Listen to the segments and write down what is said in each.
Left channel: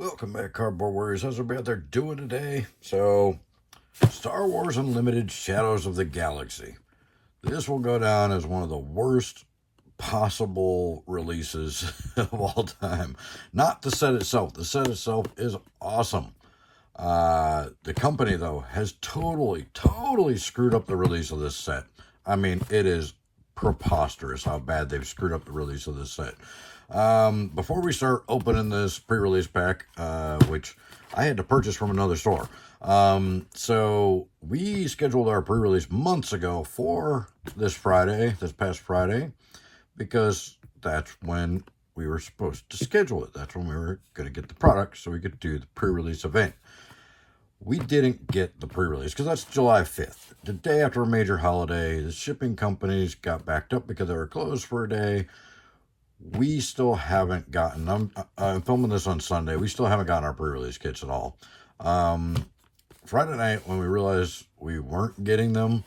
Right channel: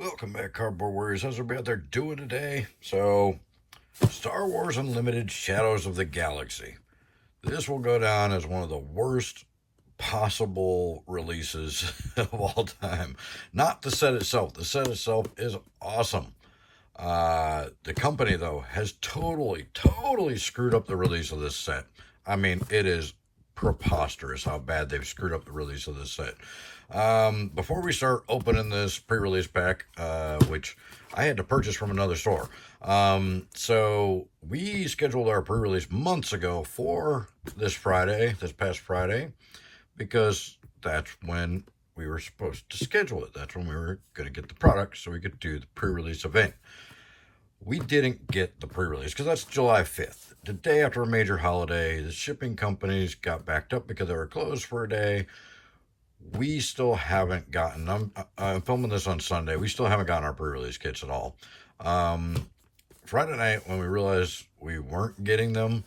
Welcome back, Cardboard Warriors. How's everybody out there doing today? So, Star Wars Unlimited Shadows of the Galaxy. This will go down as one of the worst possible releases of all time. Not the set itself. The set itself is awesome. The company, though, has totally screwed up the release of this set. I mean, it is preposterous how bad they've screwed up the release of this set. Before we start opening this pre-release pack, which I had to purchase from another store. So we scheduled our pre-release months ago for this past Friday, because that's when we were supposed to schedule it. That's when we were going to get the product so we could do the pre-release event. We didn't get the pre-release because that's July 5th. The day after a major holiday, the shipping companies got backed up because they were closed for a day. We still haven't gotten, I'm filming this on Sunday, we still haven't gotten our pre-release kits at all. Friday night, when we realized we weren't getting them,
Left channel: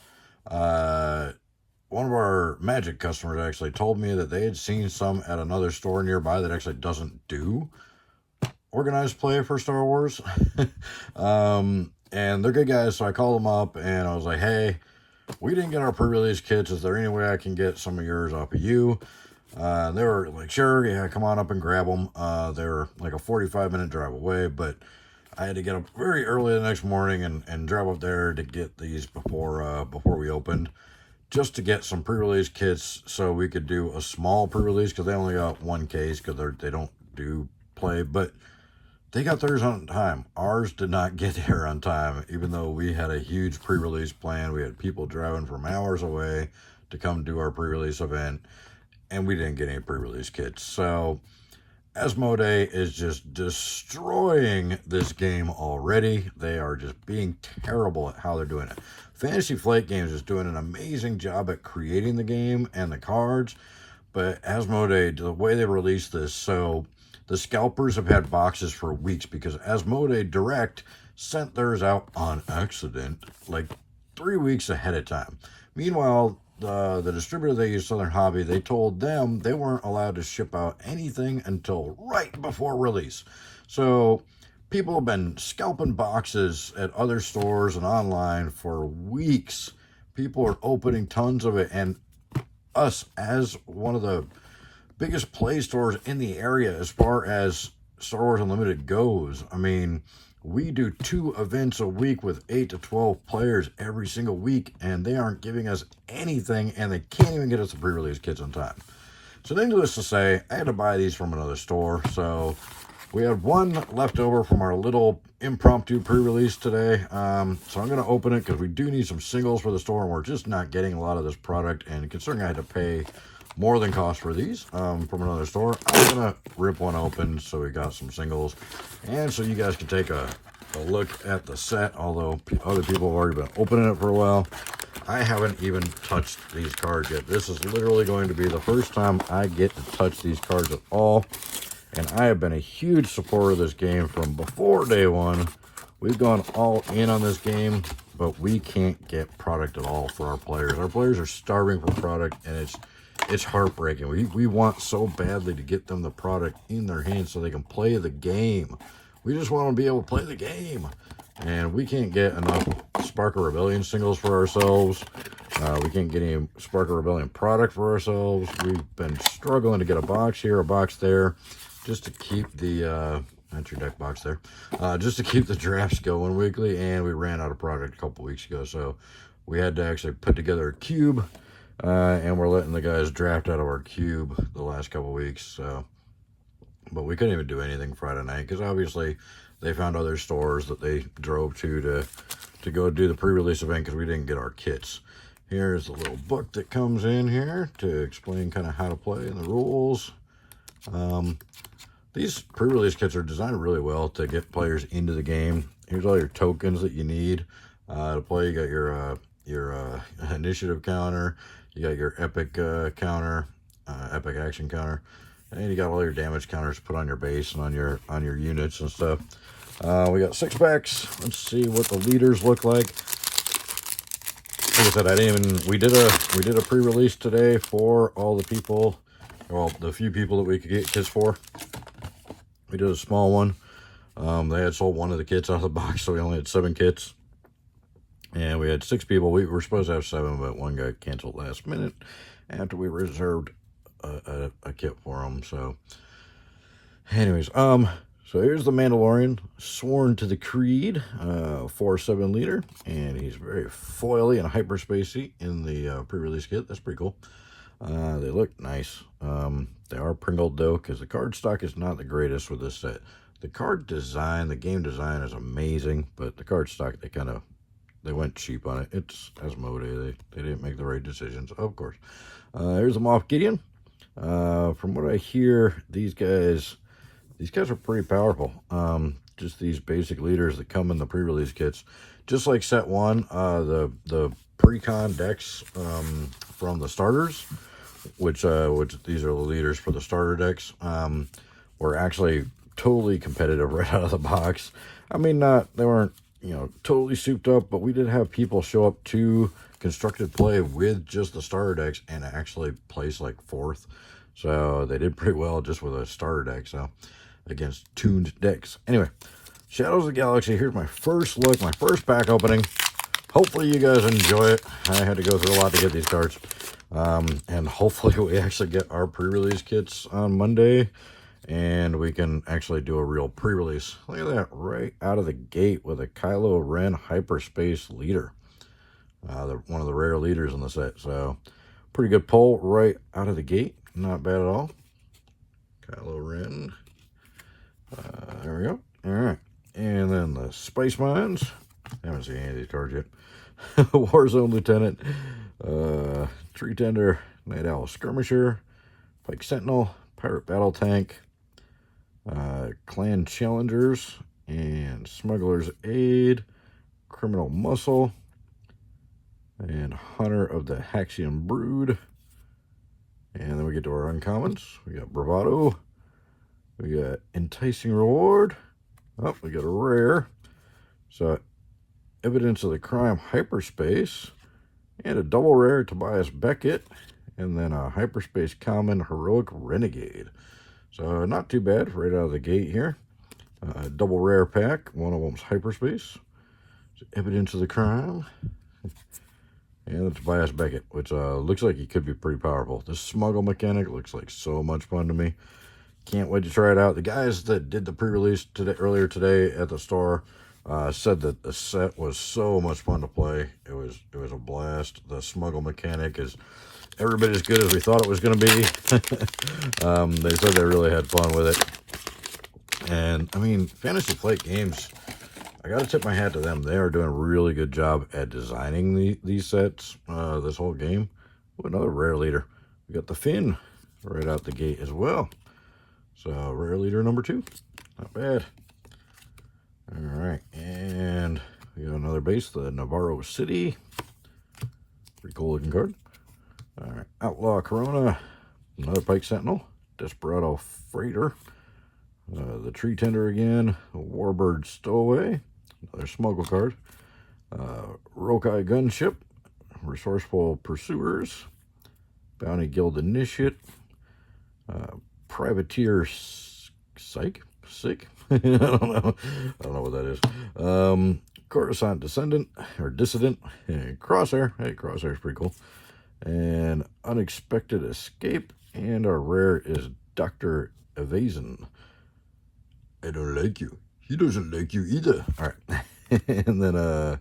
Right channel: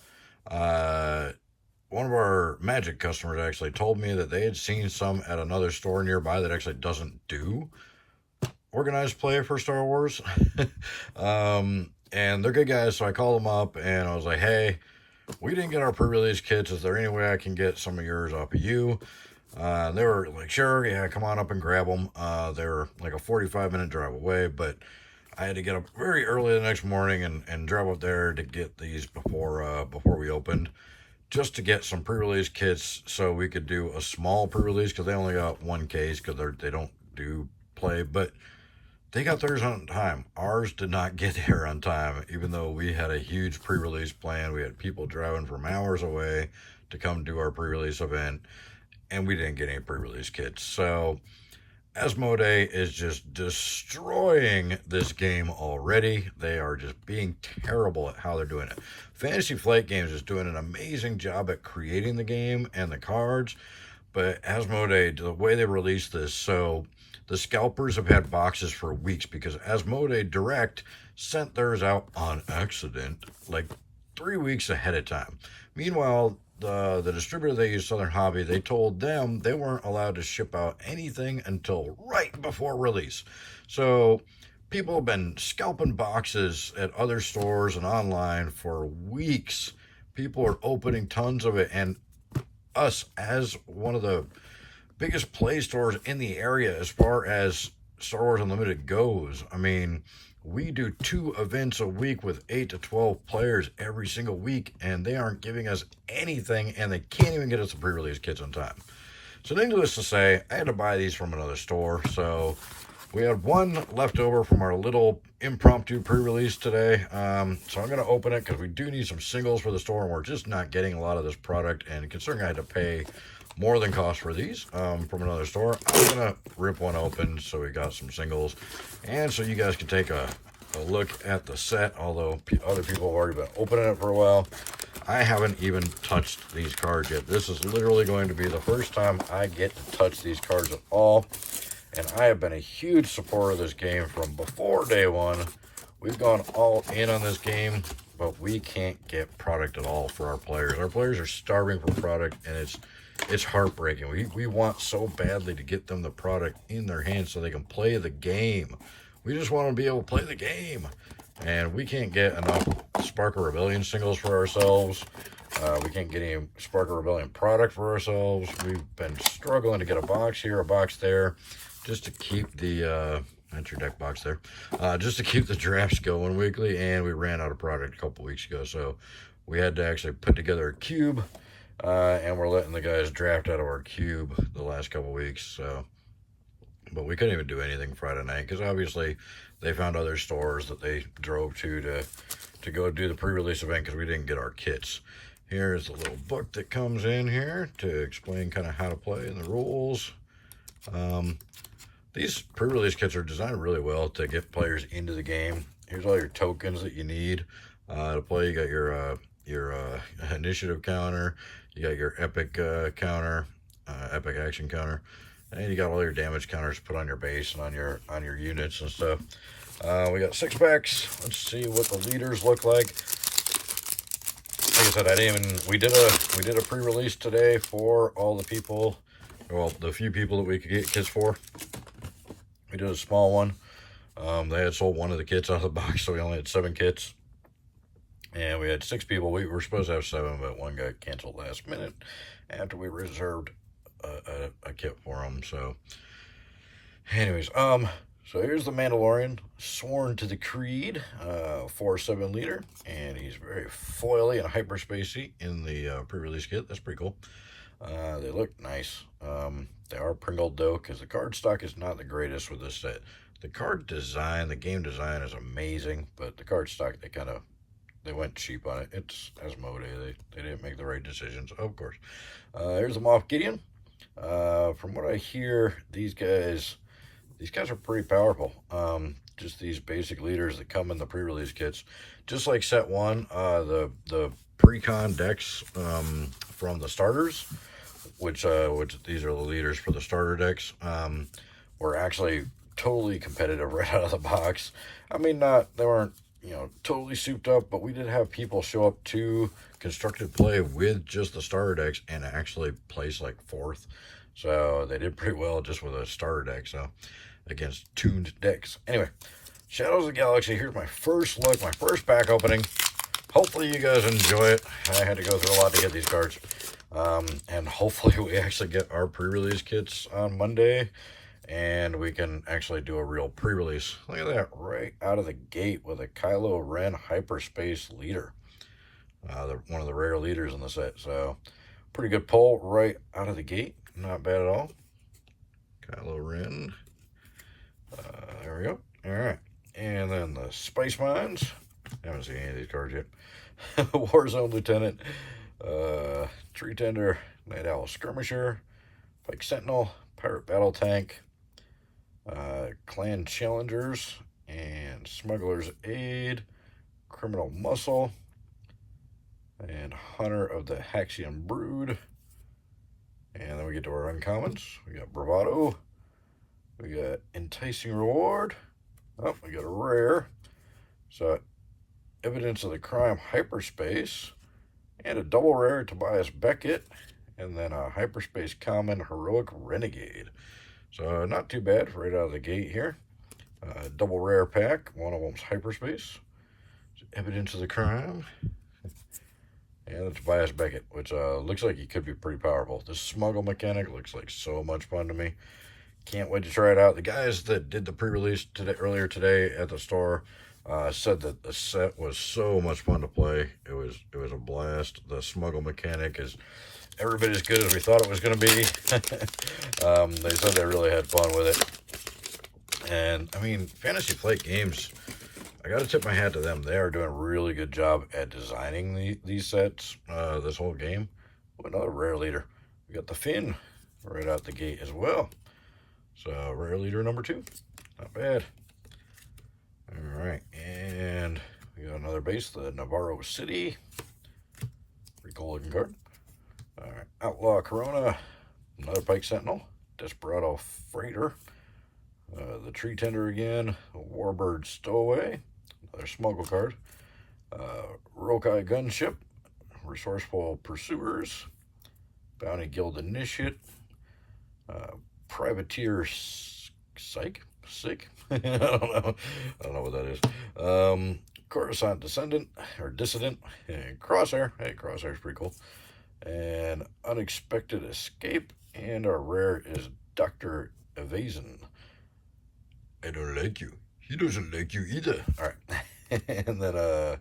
one of our Magic customers actually told me that they had seen some at another store nearby that actually doesn't do organized play for Star Wars. And they're good guys, so I called them up and I was like, hey, we didn't get our pre-release kits. Is there any way I can get some of yours off of you? They were like, sure, yeah, come on up and grab them. They're like a 45-minute drive away, but I had to get up very early the next morning and drive up there to get these before we opened, just to get some pre-release kits so we could do a small pre-release, because they only got one case because they don't do play, but they got theirs on time. Ours did not get there on time, even though we had a huge pre-release plan. We had people driving from hours away to come do our pre-release event, and we didn't get any pre-release kits. So Asmodee is just destroying this game already. They are just being terrible at how they're doing it. Fantasy Flight Games is doing an amazing job at creating the game and the cards, but Asmodee, the way they released this, so the scalpers have had boxes for weeks because Asmodee Direct sent theirs out on accident like 3 weeks ahead of time. Meanwhile, the distributor they use, Southern Hobby, they told them they weren't allowed to ship out anything until right before release. So people have been scalping boxes at other stores and online for weeks. People are opening tons of it, and us, as one of the biggest play stores in the area as far as Star Wars Unlimited goes, I mean, we do 2 events a week with 8 to 12 players every single week, and they aren't giving us anything, and they can't even get us the pre-release kits on time. So needless to say, I had to buy these from another store. So we had one left over from our little impromptu pre-release today. So I'm going to open it because we do need some singles for the store, and we're just not getting a lot of this product. And considering I had to pay more than cost for these from another store, I'm gonna rip one open so we got some singles, and so you guys can take a look at the set, although other people have already been opening it for a while. I haven't even touched these cards yet. This is literally going to be the first time I get to touch these cards at all, and I have been a huge supporter of this game from before day one. We've gone all in on this game, but we can't get product at all for our players. Our players are starving for product, and it's heartbreaking. We want so badly to get them the product in their hands so they can play the game. We just want to be able to play the game. And we can't get enough Spark of Rebellion singles for ourselves. We can't get any Spark of Rebellion product for ourselves. We've been struggling to get a box here, a box there, just to keep the, that's your deck box there, just to keep the drafts going weekly. And we ran out of product a couple weeks ago. So we had to actually put together a cube. And we're letting the guys draft out of our cube the last couple weeks. So, but we couldn't even do anything Friday night because obviously they found other stores that they drove to go do the pre-release event because we didn't get our kits. Here's the little book that comes in here to explain kind of how to play and the rules. These pre-release kits are designed really well to get players into the game. Here's all your tokens that you need to play. You got your initiative counter, you got your epic counter, epic action counter, and you got all your damage counters put on your base and on your units and stuff. We got 6 packs. Let's see what the leaders look like. Like I said, we did a pre-release today for all the people, well, the few people that we could get kits for. We did a small one. They had sold one of the kits out of the box, so we only had 7 kits. And we had 6 people. We were supposed to have 7, but one guy canceled last minute after we reserved a kit for him. So, anyways, so here's the Mandalorian, sworn to the Creed, 4.7 liter, and he's very foily and hyperspacey in the pre-release kit. That's pretty cool. They look nice. They are pringled though, because the card stock is not the greatest with this set. The card design, the game design is amazing, but the card stock, they went cheap on it. It's Asmodee. They didn't make the right decisions, of course. Here's the Moff Gideon. From what I hear, these guys are pretty powerful. Just these basic leaders that come in the pre-release kits. Just like set 1, the pre-con decks from the starters, which these are the leaders for the starter decks, were actually totally competitive right out of the box. I mean, they weren't, totally souped up, but we did have people show up to constructed play with just the starter decks and actually place like 4th. So they did pretty well just with a starter deck, so against tuned decks. Anyway, Shadows of the Galaxy, here's my first look, my first pack opening. Hopefully you guys enjoy it. I had to go through a lot to get these cards. And hopefully we actually get our pre-release kits on Monday, and we can actually do a real pre-release. Look at that, right out of the gate with a Kylo Ren hyperspace leader. One of the rare leaders in the set. So pretty good pull right out of the gate. Not bad at all. Kylo Ren. There we go. All right. And then the Spice Mines. I haven't seen any of these cards yet. Warzone Lieutenant. Tree Tender. Night Owl Skirmisher. Pike Sentinel. Pirate Battle Tank. Clan Challengers. And Smuggler's Aid. Criminal Muscle. And Hunter of the Haxian Brood. And then we get to our uncommons. We got Bravado. We got Enticing Reward. Oh, we got a rare. So, Evidence of the Crime Hyperspace. And a double rare Tobias Beckett. And then a Hyperspace Common Heroic Renegade. So, not too bad right out of the gate here. Double rare pack. One of them's Hyperspace. So, Evidence of the Crime. And the Tobias Beckett, which looks like he could be pretty powerful. This smuggle mechanic looks like so much fun to me. Can't wait to try it out. The guys that did the pre-release earlier today at the store said that the set was so much fun to play. It was a blast. The smuggle mechanic is every bit as good as we thought it was going to be. They said they really had fun with it. And I mean, Fantasy Flight Games, I got to tip my hat to them. They are doing a really good job at designing these sets, this whole game. Ooh, another rare leader. We got the Finn right out the gate as well. So, rare leader number 2. Not bad. All right, and we got another base, the Navarro City. Pretty cool looking card. All right, Outlaw Corona. Another Pike Sentinel. Desperado Freighter. The Tree Tender again. Warbird Stowaway. Another smuggle card. Rokai Gunship. Resourceful Pursuers. Bounty Guild Initiate. Privateer Sick? I don't know what that is. Coruscant Descendant, or Dissident. And Crosshair. Hey, Crosshair's pretty cool. And Unexpected Escape. And our rare is Dr. Evasion. I don't like you. He doesn't like you either. All right. And then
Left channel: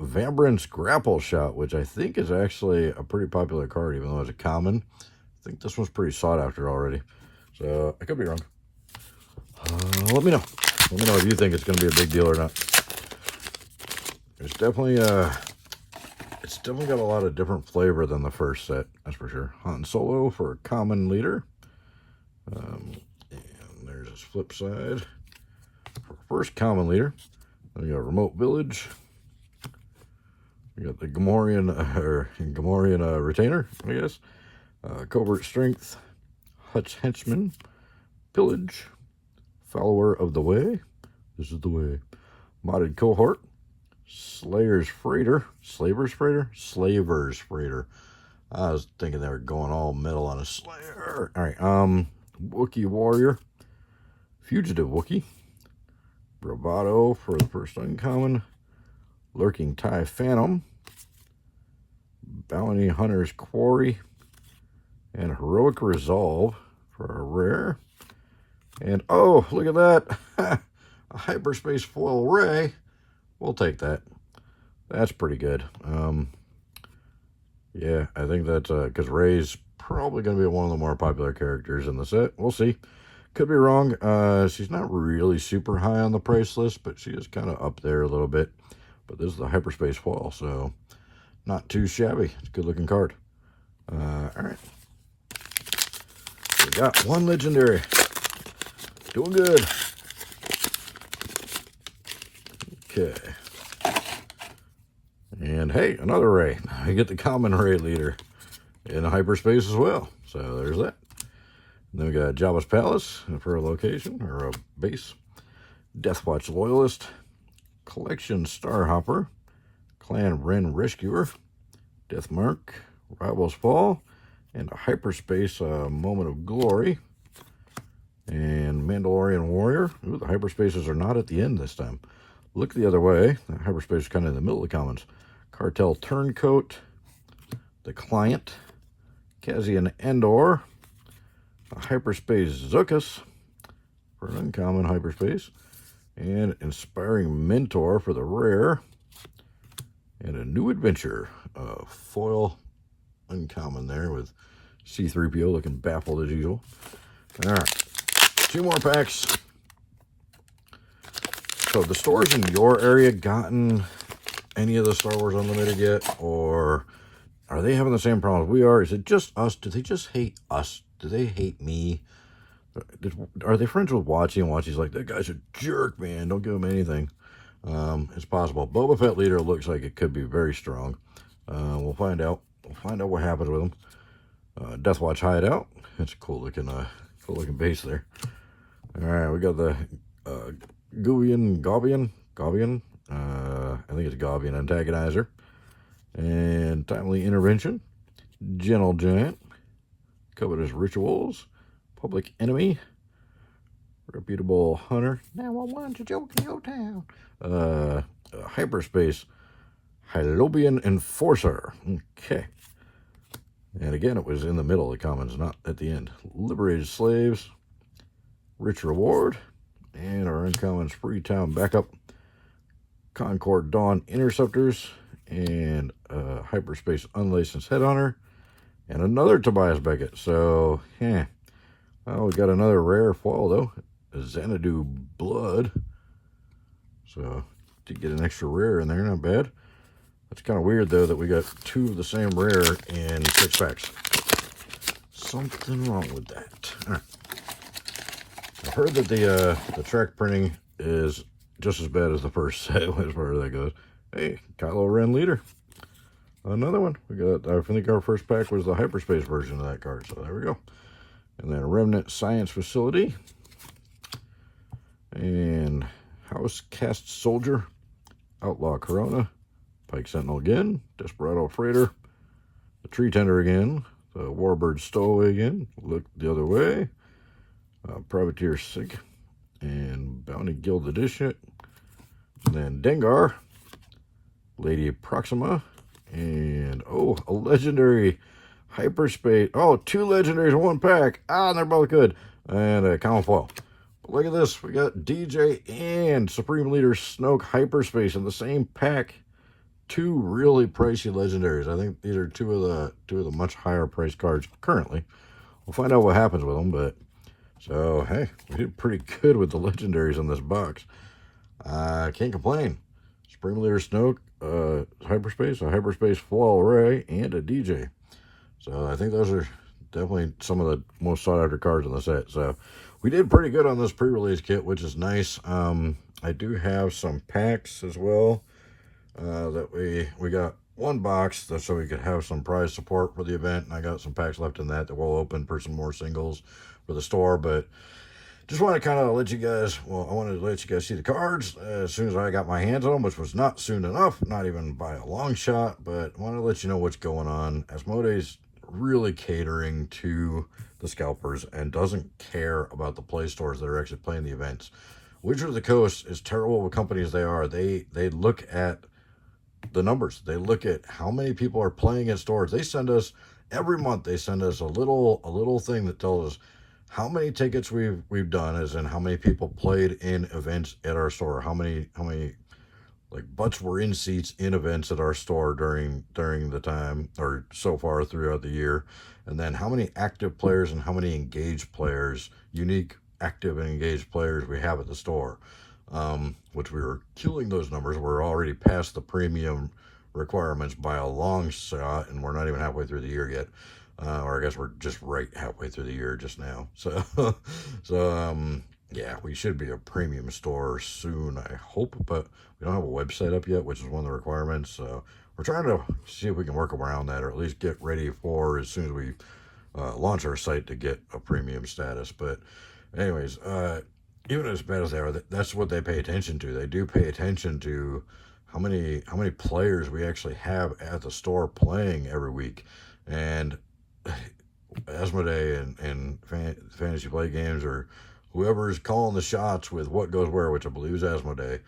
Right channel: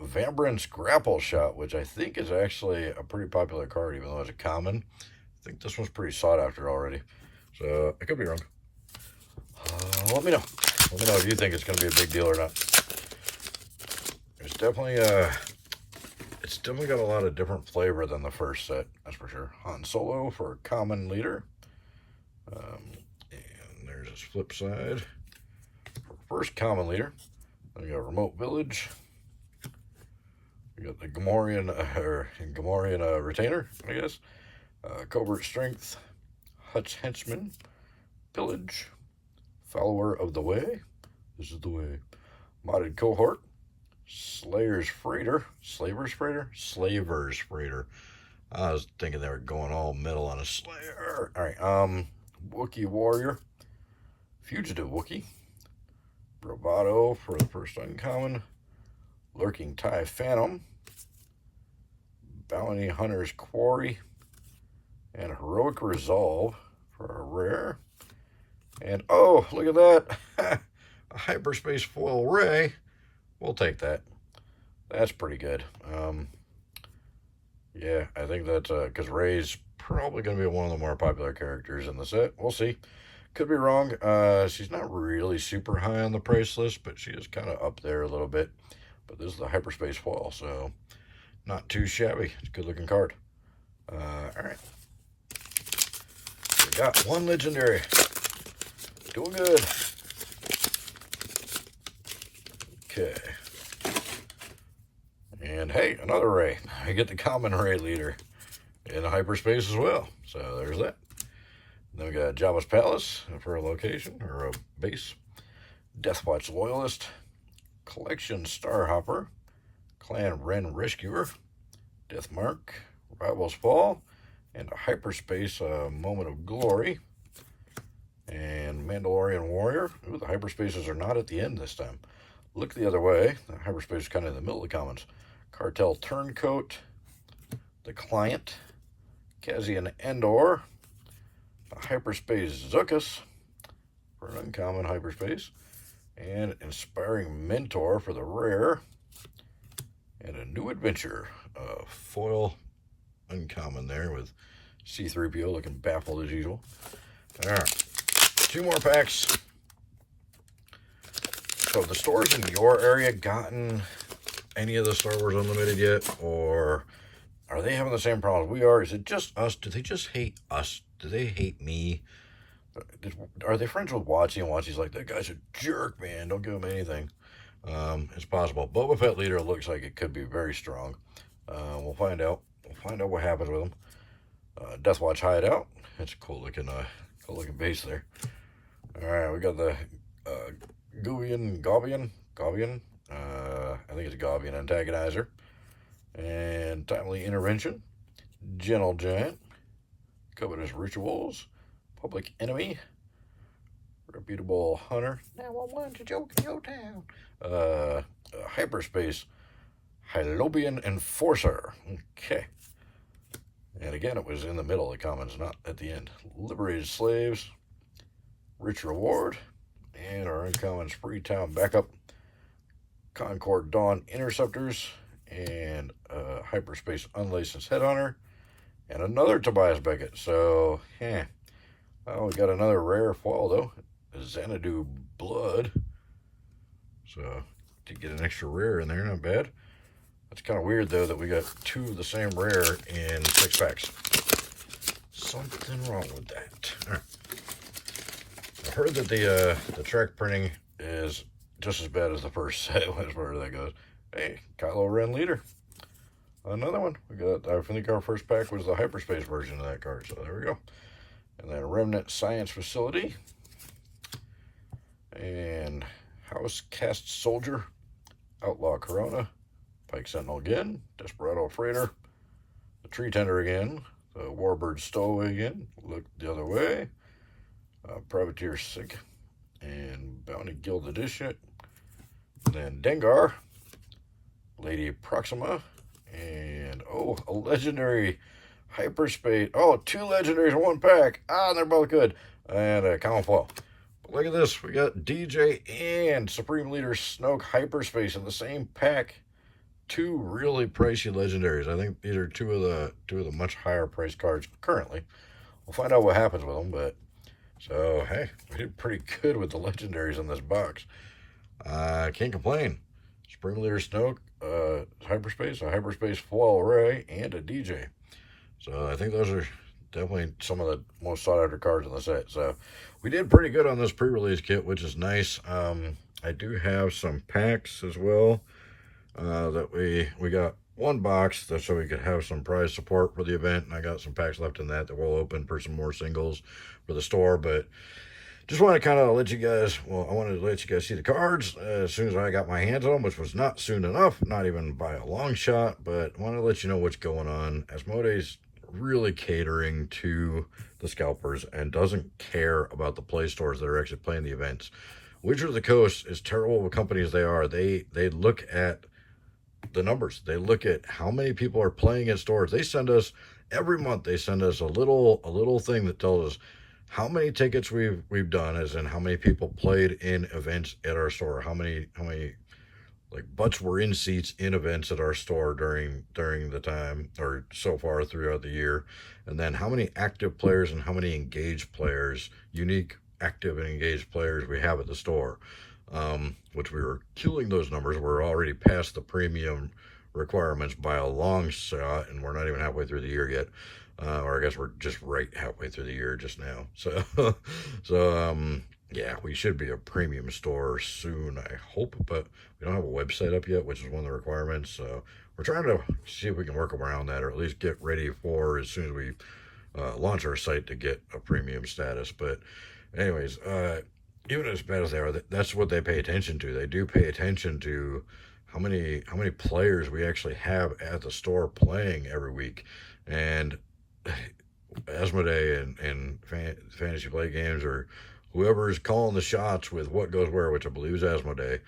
Vambrance Grapple Shot, which I think is actually a pretty popular card, even though it's a common. I think this one's pretty sought after already. So I could be wrong. Let me know. Let me know if you think it's going to be a big deal or not. There's definitely it's definitely got a lot of different flavor than the first set, that's for sure. Han Solo for a common leader. And there's his flip side. First common leader. Then we got Remote Village. We got the Gamorrean Retainer, I guess. Covert Strength. Hutch Henchman. Pillage. Follower of the Way. This is the way. Modded Cohort. Slayer's Freighter. Slaver's Freighter? Slaver's Freighter. I was thinking they were going all metal on a Slayer. All right. Wookiee Warrior. Fugitive Wookiee. Bravado for the first uncommon. Lurking Tie Phantom. Bounty Hunter's Quarry. And Heroic Resolve for a rare. And oh, look at that. A Hyperspace Foil Ray. We'll take that. That's pretty good. Yeah, I think that's because Ray's probably going to be one of the more popular characters in the set. We'll see. Could be wrong. She's not really super high on the price list, but she is kind of up there a little bit. But this is the Hyperspace Foil, so not too shabby. It's a good looking card. All right. We got one legendary. Doing good. Okay. And hey, another Ray. I get the common Ray leader in hyperspace as well. So there's that. And then we got Jabba's Palace for a location or a base. Deathwatch Loyalist. Collection Starhopper. Clan Wren Rescuer. Deathmark. Rivals Fall. And a hyperspace Moment of Glory. And Mandalorian Warrior. Ooh, the hyperspaces are not at the end this time. Look the other way. The hyperspace is kind of in the middle of the commons. Cartel Turncoat. The Client. Cassian Endor. A hyperspace Zuckuss for an uncommon hyperspace. And Inspiring Mentor for the rare. And a New Adventure. Foil uncommon there with C-3PO looking baffled as usual. All right. 2 more packs. So the stores in your area gotten any of the Star Wars Unlimited yet? Or are they having the same problems we are? Is it just us? Do they just hate us? Do they hate me? Are they friends with Watchy? And Watchy's like, that guy's a jerk, man. Don't give him anything. It's possible. Boba Fett leader looks like it could be very strong. We'll find out. We'll find out what happens with him. Deathwatch Hideout. It's a cool looking base there. All right, we got the Gaubian. I think it's Gaubian Antagonizer. And Timely Intervention. Gentle Giant. Covetous Rituals. Public Enemy. Reputable Hunter. 911's a joke in your town. Hyperspace. Hylobian Enforcer. Okay. And again, it was in the middle of the commons, not at the end. Liberated Slaves. Rich Reward. And our uncommons Freetown Backup. Concord Dawn Interceptors. And Hyperspace Unlicensed Headhunter. And another Tobias Beckett. So, yeah. Well, we got another rare foil, though. Xanadu Blood. So, did get an extra rare in there. Not bad. It's kind of weird, though, that we got 2 of the same rare in 6 packs. Something wrong with that. All right. I've heard that the track printing is just as bad as the first set as far as that goes. Hey, Kylo Ren leader. Another one. We got, I think our first pack was the hyperspace version of that card. So there we go. And then Remnant Science Facility. And House Cast Soldier. Outlaw Corona. Pike Sentinel again. Desperado Freighter. The Tree Tender again. The Warbird Stowaway again. Look the other way. Privateer Sig. And Bounty Guild Edition. And then Dengar. Lady Proxima. And, oh, a legendary hyperspace. Oh, 2 legendaries in 1 pack. Ah, and they're both good. And a common foil. Look at this. We got DJ and Supreme Leader Snoke hyperspace in the same pack. 2 really pricey legendaries. I think these are two of the much higher priced cards currently. We'll find out what happens with them, but so hey, we did pretty good with the legendaries in this box. Can't complain. Supreme Leader Snoke, hyperspace, a hyperspace foil array, and a DJ. So I think those are definitely some of the most sought after cards in the set. So we did pretty good on this pre-release kit, which is nice. I do have some packs as well. That we got 1 box so we could have some prize support for the event, and I got some packs left in that we'll open for some more singles for the store. But just want to kind of let you guys, well, I wanted to let you guys see the cards as soon as I got my hands on them, which was not soon enough, not even by a long shot, but I want to let you know what's going on. Asmodee's really catering to the scalpers and doesn't care about the play stores that are actually playing the events. Wizard of the Coast, as terrible of a company as they are, they look at the numbers. They look at how many people are playing at stores. They send us every month. They send us a little thing that tells us how many tickets we've done, as in how many people played in events at our store, how many like butts were in seats in events at our store during the time or so far throughout the year, and then how many active players and how many engaged players, unique active and engaged players we have at the store. Which we were killing those numbers. We're already past the premium requirements by a long shot, and we're not even halfway through the year yet. Or I guess we're just right halfway through the year just now. So, yeah, we should be a premium store soon, I hope, but we don't have a website up yet, which is one of the requirements. So we're trying to see if we can work around that, or at least get ready for as soon as we launch our site to get a premium status. But anyways, even as bad as they are, that's what they pay attention to. They do pay attention to how many players we actually have at the store playing every week. And Asmodee and Fantasy Play Games, or whoever's calling the shots with what goes where, which I believe is Asmodee,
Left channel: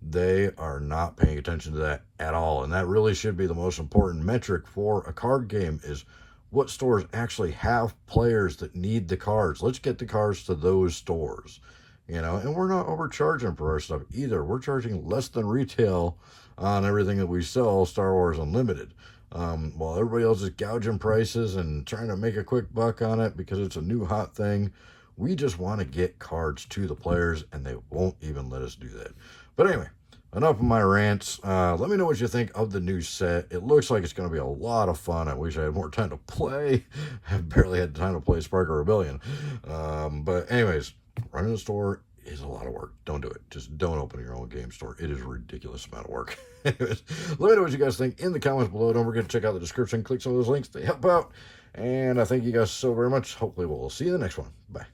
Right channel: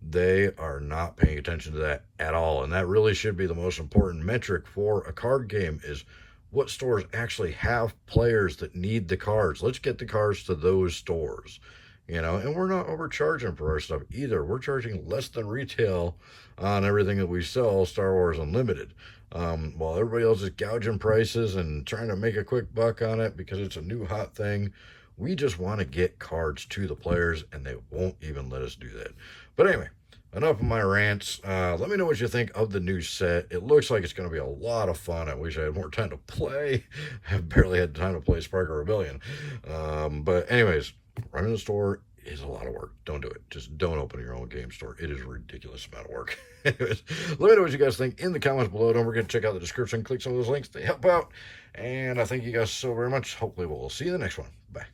they are not paying attention to that at all. And that really should be the most important metric for a card game, is what stores actually have players that need the cards. Let's get the cards to those stores. And we're not overcharging for our stuff either. We're charging less than retail on everything that we sell, Star Wars Unlimited. While everybody else is gouging prices and trying to make a quick buck on it because it's a new hot thing, we just want to get cards to the players, and they won't even let us do that. But anyway, enough of my rants. Let me know what you think of the new set. It looks like it's going to be a lot of fun. I wish I had more time to play. I've barely had time to play Sparker Rebellion. But anyways, running a store is a lot of work. Don't do it. Just don't open your own game store. It is a ridiculous amount of work. Anyways, let me know what you guys think in the comments below. Don't forget to check out the description. Click some of those links. They help out. And I thank you guys so very much. Hopefully we'll see you in the next one. Bye.